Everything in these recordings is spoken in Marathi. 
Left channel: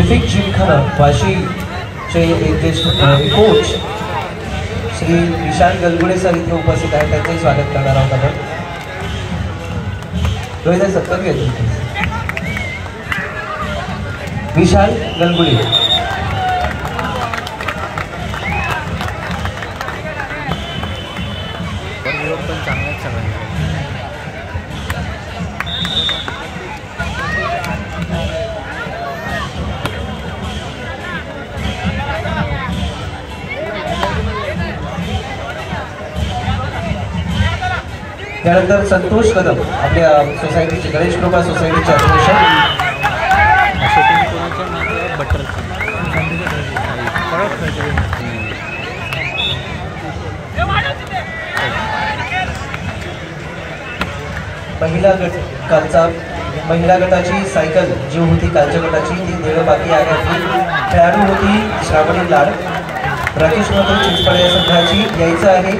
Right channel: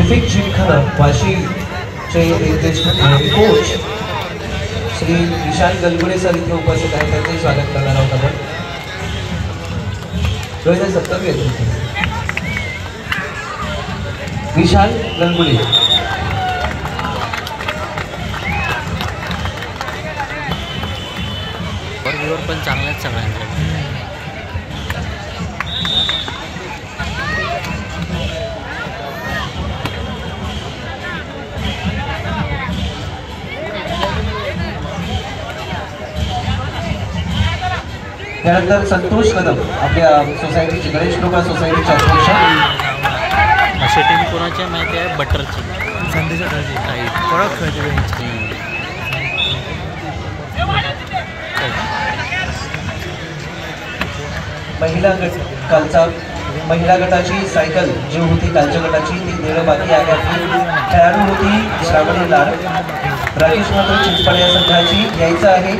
Traffic Gymkhana वाशीचे coach Shri Vishal गलगुडे sir इथे उपस्थित आहेत, त्यांचे स्वागत करणार आहोत आपण. रोहित सत्तर घेतो विशाल गलगुडे. पण चांगल्याच सगळ्यांकडे. त्यानंतर संतोष कदम आपल्या सोसायटीचे गणेश कृपा सोसायटीचे अध्यक्ष. अशा टीम कोणाच्या माहिती आहे? बटरची महिला गटाची सायकल जी होती कालच्या गटाची ती देणं बाकी आहे. आपली खेळाडू होती श्रावणी लाड. राकेश मात्र चिंचपाडे या संघाची यायचं आहे.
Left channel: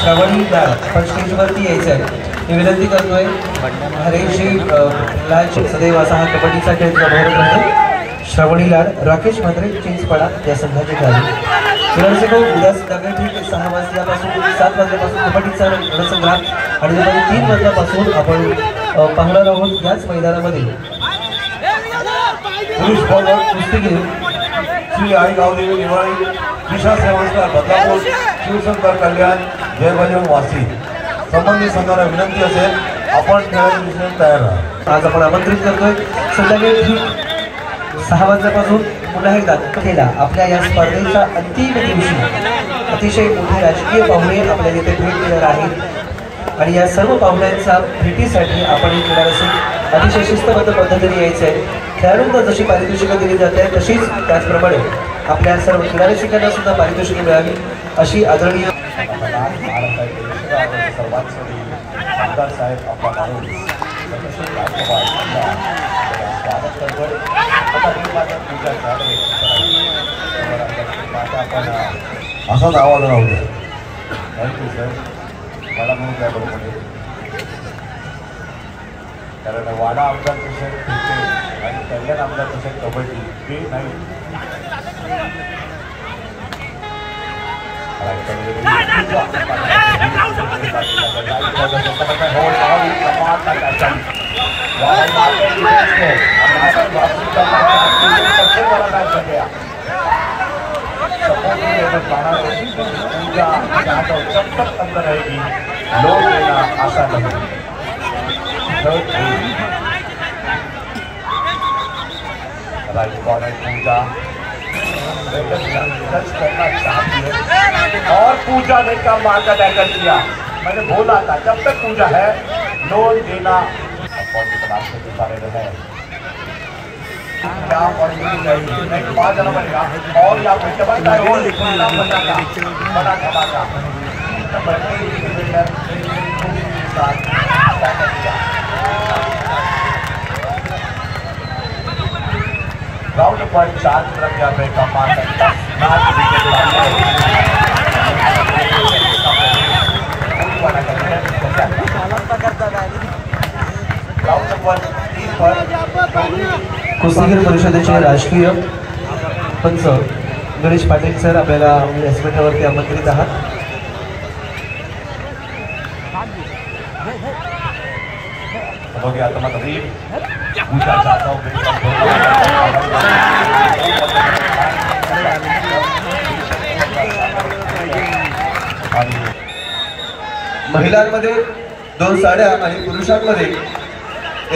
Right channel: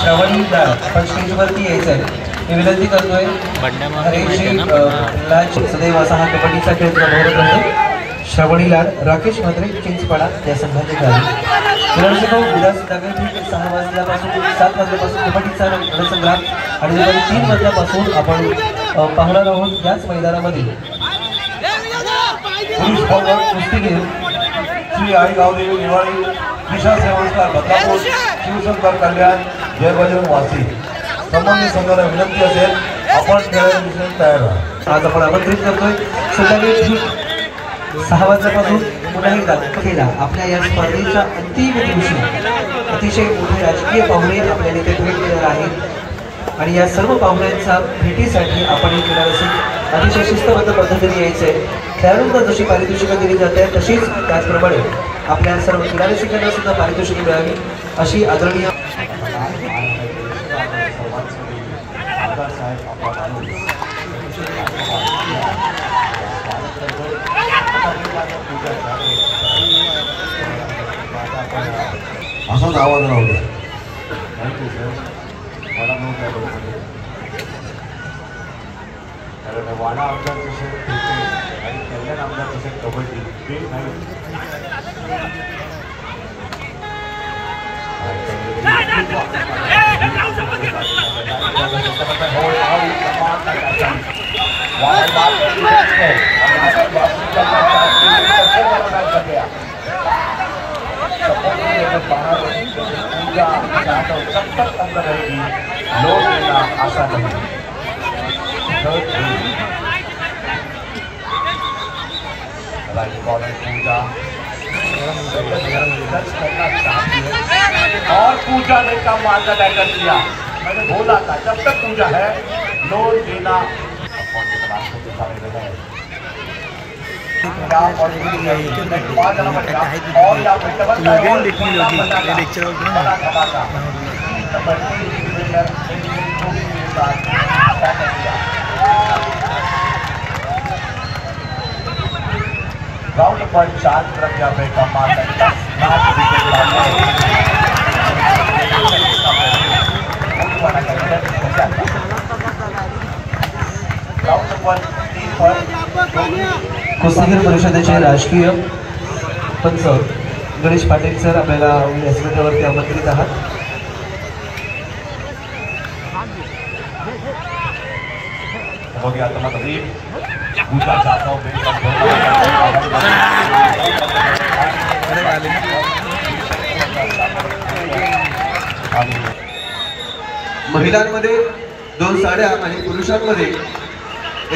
श्रावणी लाड पण स्टेजवरती यायचं आहे मी विनंती करतोय. हरेशजी लाड सदैव असा हा कबड्डीचा खेळ भरत राहतो. श्रावणी लाड राकेश मात्रे चिंचपाडा या संघाचे खेळाडू. विनंती उद्या सकाळी ठीक 6 वाजल्यापासून 7 वाजल्यापासून कबड्डीचा रणसंग्राम आणि दुपारी 3 वाजल्यापासून आपण पाहणार आहोत याच मैदानामध्ये पुरुष फॉरवर्ड कुस्तीगीर श्री आई गावदेवी निवाळी दिशा संस्कार बदलापूर शिवशंकर कल्याण जय बजरंग वासी संबंधित संघाला विनंती असेल आपण खेळायला दिसण्यास तयार राहा. आज आपण आमंत्रित करतोय संध्याकाळी ठीक 6 वाजल्यापासून पुन्हा एकदा खेळा आपल्या या स्पर्धेच्या अंतिम दिवशी अतिशय मोठे राजकीय पाहुणे आपल्याला इथे भेट देणार आहेत आणि या सर्व पाहुण्यांच्या भेटीसाठी आपण क्रीडा रसिक अतिशय शिस्तबद्ध पद्धतीने यायचं आहे. खेळाडूंना जशी पारितोषिकं दिली जाते तशीच त्याचप्रमाणे आपल्या सर्व क्रीडा रसिकांना सुद्धा पारितोषिके मिळावी अशी आदरणीय असाच आवाज राहू द्या. Thank you sir. वाडा म्हणून काय बघतो कारण वाडा आमदार कसं क्रिकेट आणि कल्याण आमदार कसं कबड्डी ते नाही. लोग आशा नहीं पूजा और पूजा ने का मार्गदर्शन किया. मैंने बोला था जब तक पूजा है लोन देना कौन सी क्लास में दिखा रहे हैं और या राउंड पर 4 प्रज्ञा में कमाल कुस्तीगीर परिषदेचे राष्ट्रीय पंच गणेश पाटील सर आपल्याला व्यासपीठावरती आमंत्रित आहात. महिलांमध्ये 2 साड्या आणि पुरुषांमध्ये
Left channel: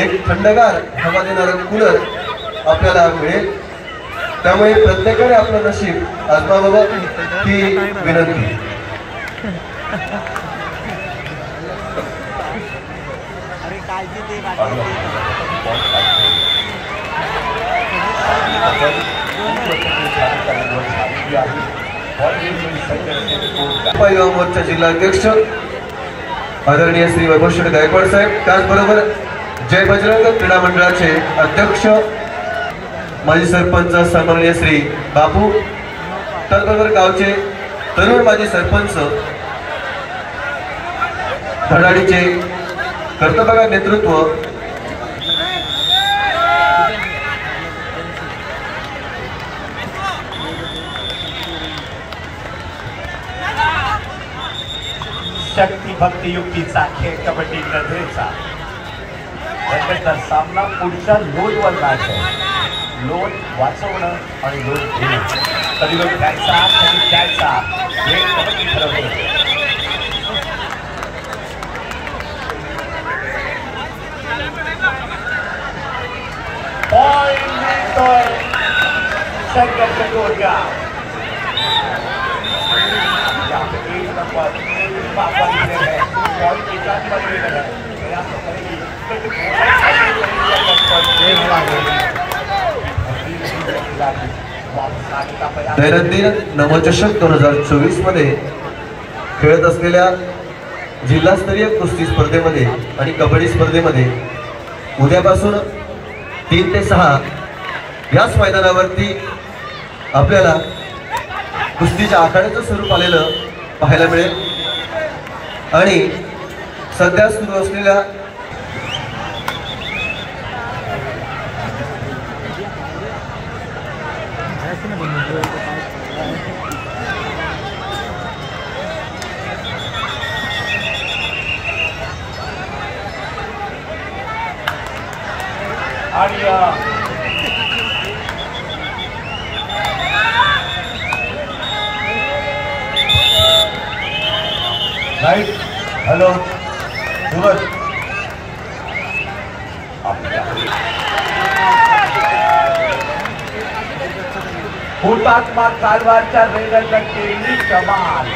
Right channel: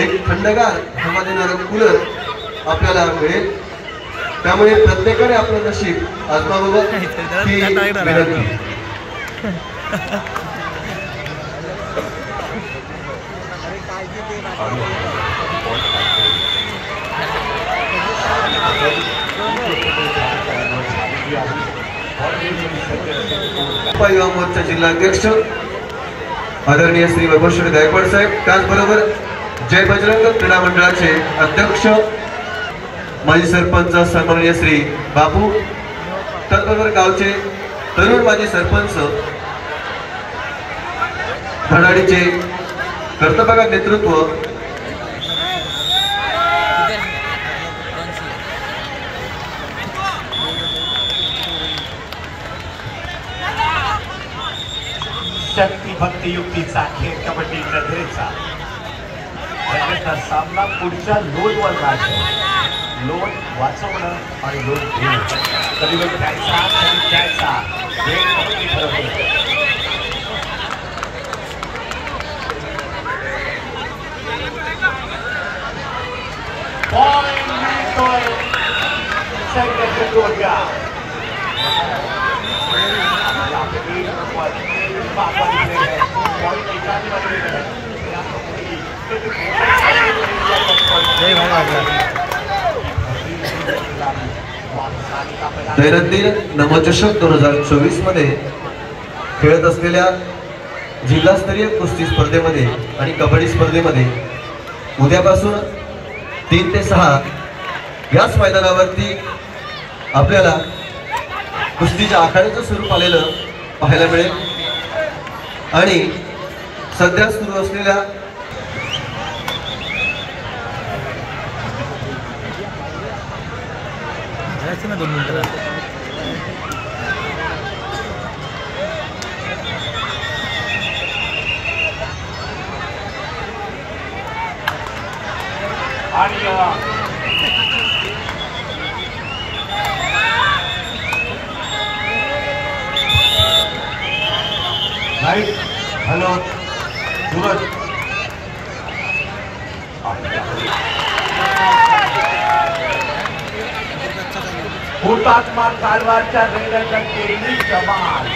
एक थंडगार हवा देणारं कूलर आपल्याला मिळेल. त्यामुळे प्रत्येकाने आपलं नशीब आजमावावं ही विनंती. युवा मोर्चा जिल्हाध्यक्ष आदरणीय श्री वैभव शेठ गायकवाड साहेब, त्याचबरोबर जय बजरंग क्रीडा मंडळाचे अध्यक्ष माजी सरपंच सन्माननीय श्री बापू, त्याचबरोबर गावचे तरुण माजी सरपंच धडाडीचे कर्तव्य नेतृत्व शक्ती भक्ती युक्तीचा खेळ कबड्डी नजरेचा त्याचा सामना पुढच्या लोनवर आहे. लोन वाचवणं आणि लोन घेणं कधी लोन घ्यायचा कधी घ्यायचा हे कबड्डी ठरवते. पॉइंट मिळतोय संघाच्या जोड्या. दैनंदिन नवचषक 2024 मध्ये खेळत असलेल्या जिल्हास्तरीय कुस्ती स्पर्धेमध्ये आणि कबड्डी स्पर्धेमध्ये उद्यापासून 3 ते 6 याच मैदानावरती आपल्याला कुस्तीच्या आखाड्याचं स्वरूप आलेलं पाहायला मिळेल. आणि सध्या सुरू असलेल्या राइट. हॅलो सूरज. हुतात्मा कारवारच्या वेगाचा केली कमाल.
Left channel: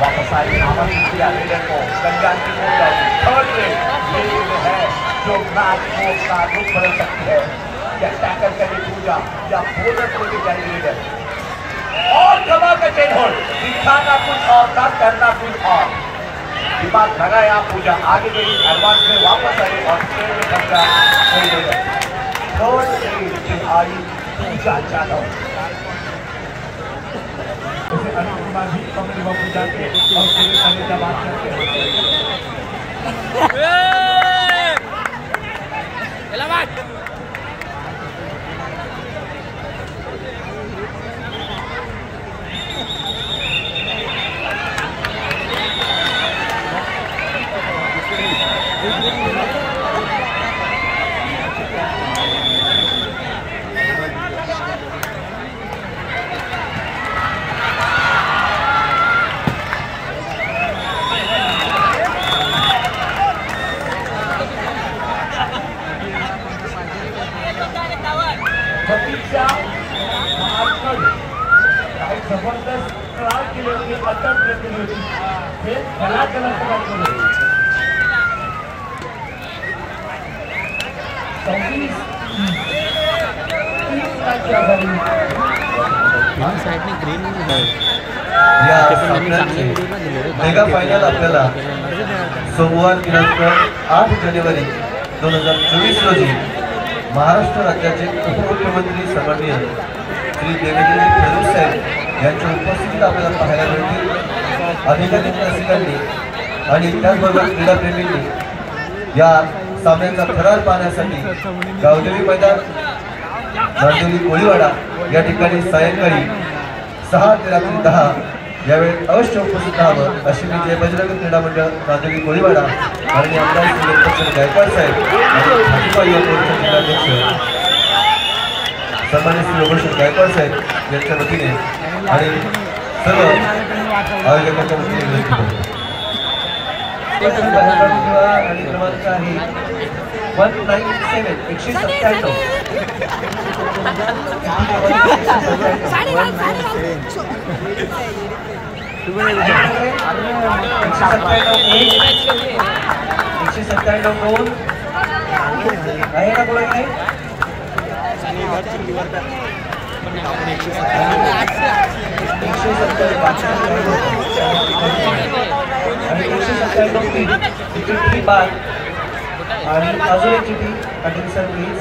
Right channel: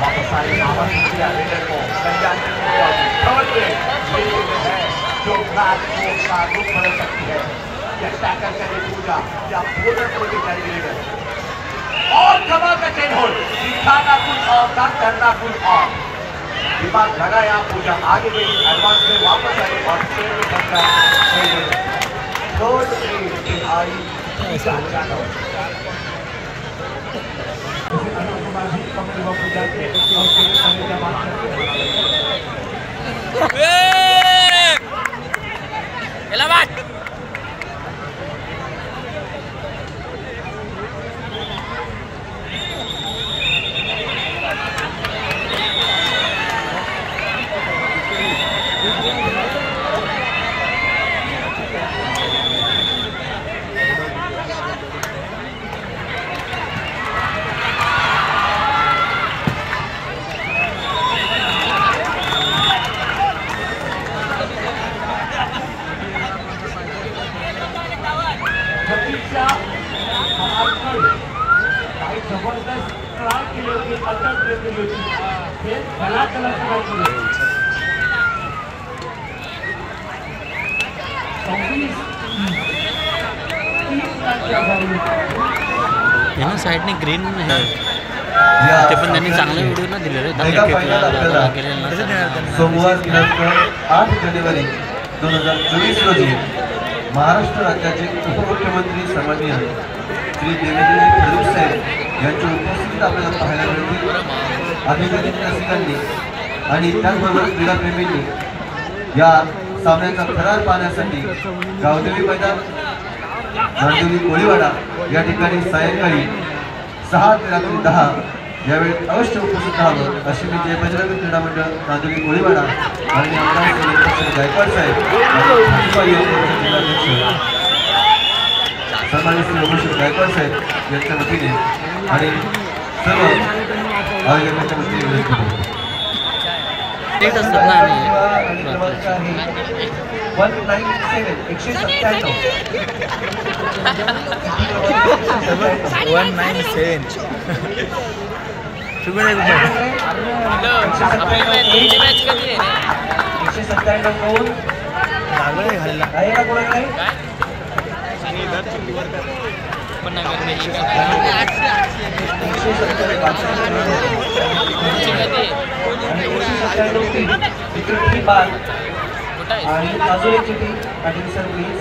वापस आई आवाज को कल्याण है जो रात का रूप बदल सकती है. या टैकल करे पूजा या पूरे करके जाएगी लीडर. और जमा का चेन होल दिखाना कुछ और था करना कुछ और. दिमाग लगाया पूजा आगे गई एडवांस में वापस आई और स्टेज में कब्जा कोई लीडर. थर्ड आई पूजा चालो अनुपमा भी पकड़ी हुआ पूजा के और स्टेज करने का बात करते हैं. जबरदस्त ट्राई केली होती अटक केली होती हे खरा कलाकार केले. 26 साईडने ग्रीन आहे या ते पण त्यांनी चांगले व्हिडिओला दिले. मेगा फायनल आपल्याला सोमवार दिनांक 8 जानेवारी 2024 रोजी महाराष्ट्र राज्याचे उपमुख्यमंत्री सन्माननीय श्री देवेंद्र फडणवीस साहेब यांच्या उपस्थितीत आपल्याला पाहायला मिळतील. अधिकारी रसिकांनी आणि त्याचबरोबर क्रीडाप्रेमींनी या सामन्याचा थरार पाहण्यासाठी गावदेवी मैदान गावदेवी कोळीवाडा या ठिकाणी सायंकाळी 6 ते रात्री 10 यावेळी अवश्य उपस्थित राहावं अशी मी जय बजरंग क्रीडा मंडळ गावदेवी कोळीवाडा आणि आमदार श्री गायकवाड साहेब आणि भाजपा युवक जिल्हाध्यक्ष सन्मानित श्री उमेश गायकवाड साहेब यांच्या वतीने आणि सर्व आयोजकांच्या वतीने विनंती करतो. आणि क्रमांक आहे 197 आणि अजून एक चिठी पाटील सर प्लीज.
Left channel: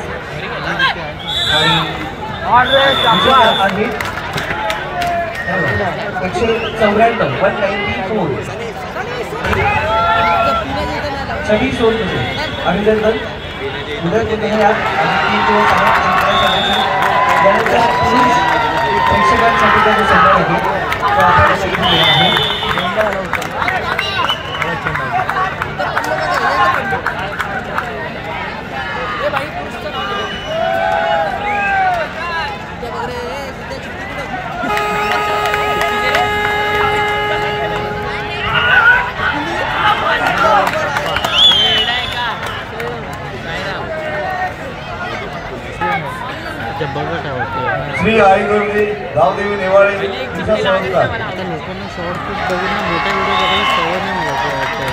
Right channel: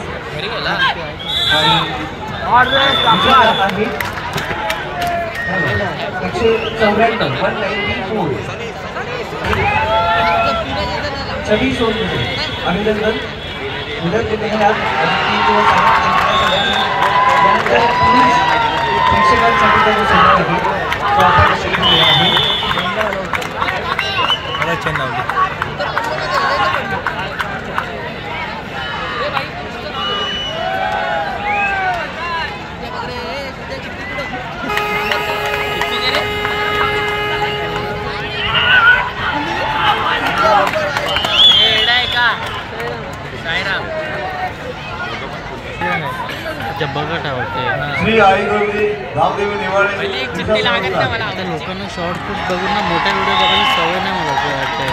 आणि 194 छबी सोन अभिनंदन. उद्या कुठे आज 3 दिवस आहेत. यानंतर पुरुष प्रेक्षकांसाठी जो सन्मान आहे तो आपण अशी दिलेला आहे. बघत आवडते श्री आईगवली गावदेवी निवाळी क्रीडा संस्था. आता लोकांना शॉर्ट फूट बघून ना मोठा व्हिडिओ बघायला सवय नाही मला असं वाटतं.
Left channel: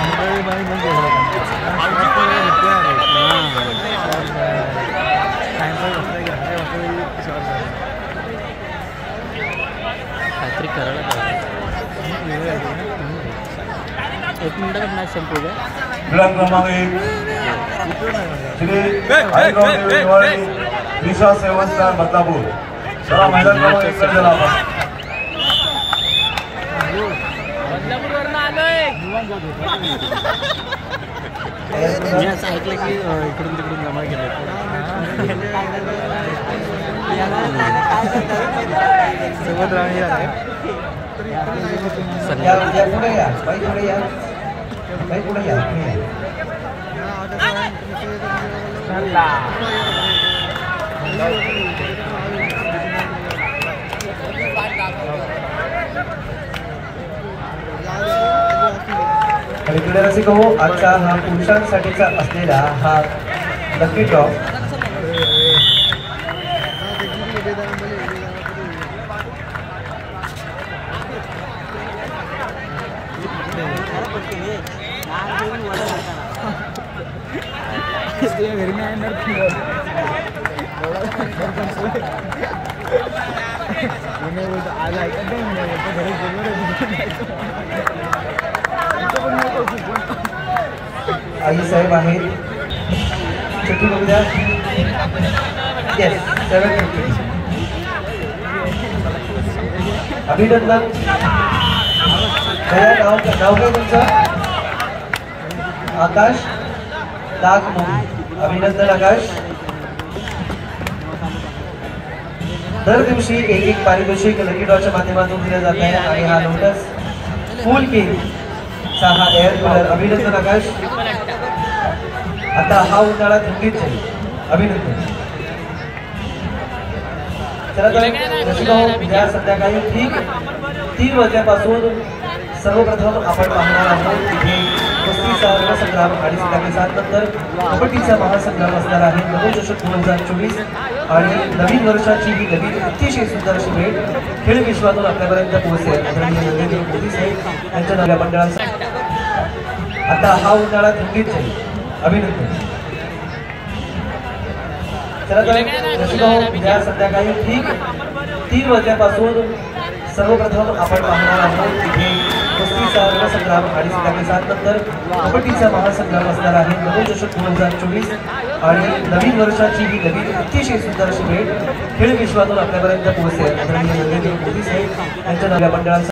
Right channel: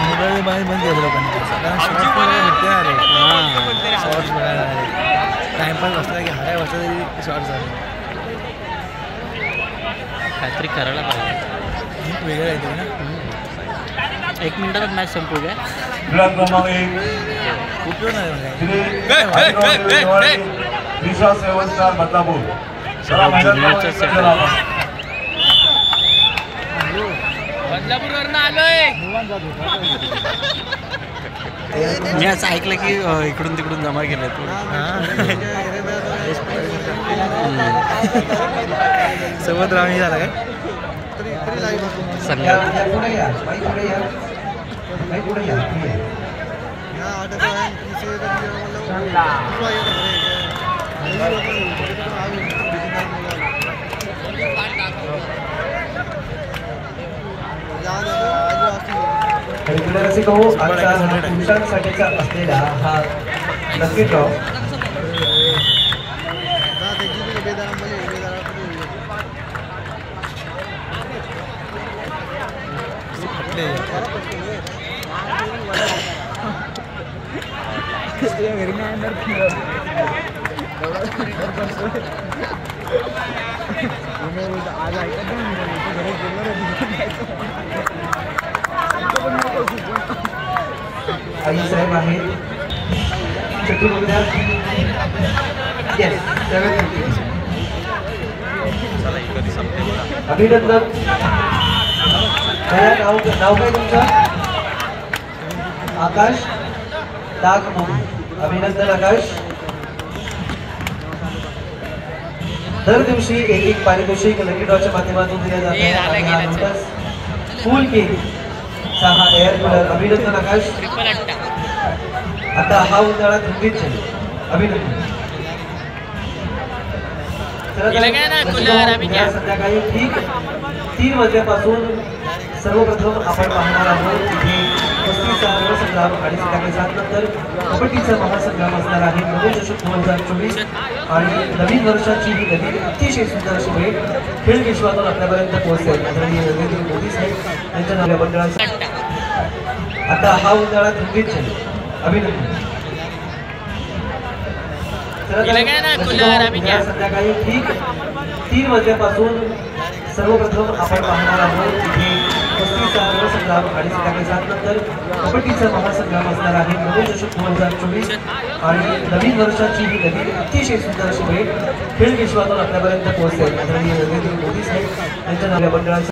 काहीतरी करायला पाहिजे. 1 मिनिटात मॅच संपू द्या. क्रीडा क्रमांक 1 श्री आईगवली निवाळी दिशा 7 स्टार बदलापूर. चला मैदान क्रमांक 1 कडे चला आपण. मी असं ऐकलं की इकडून तिकडून जमा केलं सोबत राहून झाला काय या पुढे या, काही पुढे या, काही पुढे या, पुढे या. इकडे रसिक हो, आजचा हा पुरुषांसाठीचा असलेला हा लकी ड्रॉ आई साहेब आहेत. चिठ्ठी बघू द्या. येस, 750. अभिनंदन. नाव काय तुमचं? आकाश नागमोदी. अभिनंदन आकाश. दर दिवशी एक पारितोषिक लकी ड्रॉच्या माध्यमातून दिलं जात आहे आणि हा लोटस कूल किंग चा हा एअर कूलर. अभिनंदन आकाश. आता हा उन्हाळा थंडीत जाईल. अभिनंदन. या संध्याकाळी ठीक 3 वाजल्यापासून सर्वप्रथम आपण पाहणार आहोत तिथे कुस्तीचा रणसंग्राम आणि त्यानंतर कबड्डीचा महासंग्राम असणार आहे. नवोदशक 2024 आणि नवीन वर्षाची ही नवीन अतिशय सुंदर अशी भेट खेळ विश्वातून आपल्यापर्यंत पोहोचते. आदरणीय नरेंद्र मोदी साहेब यांच्या नव्या मंडळाचा आता हा उन्हाळा थंडीत जाईल. अभिनंदन. या संध्याकाळी ठीक 3 वाजल्यापासून सर्वप्रथम आपण पाहणार आहोत तिथे कुस्तीचा रणसंग्राम आणि त्यानंतर कबड्डीचा महासंग्राम असणार आहे. नवोदशक 2024 आणि नवीन वर्षाची ही नवीन अतिशय सुंदर अशी भेट खेळ विश्वातून आपल्यापर्यंत पोहोचते. आदरणीय नरेंद्र मोदी साहेब यांच्या नव्या मंडळाचा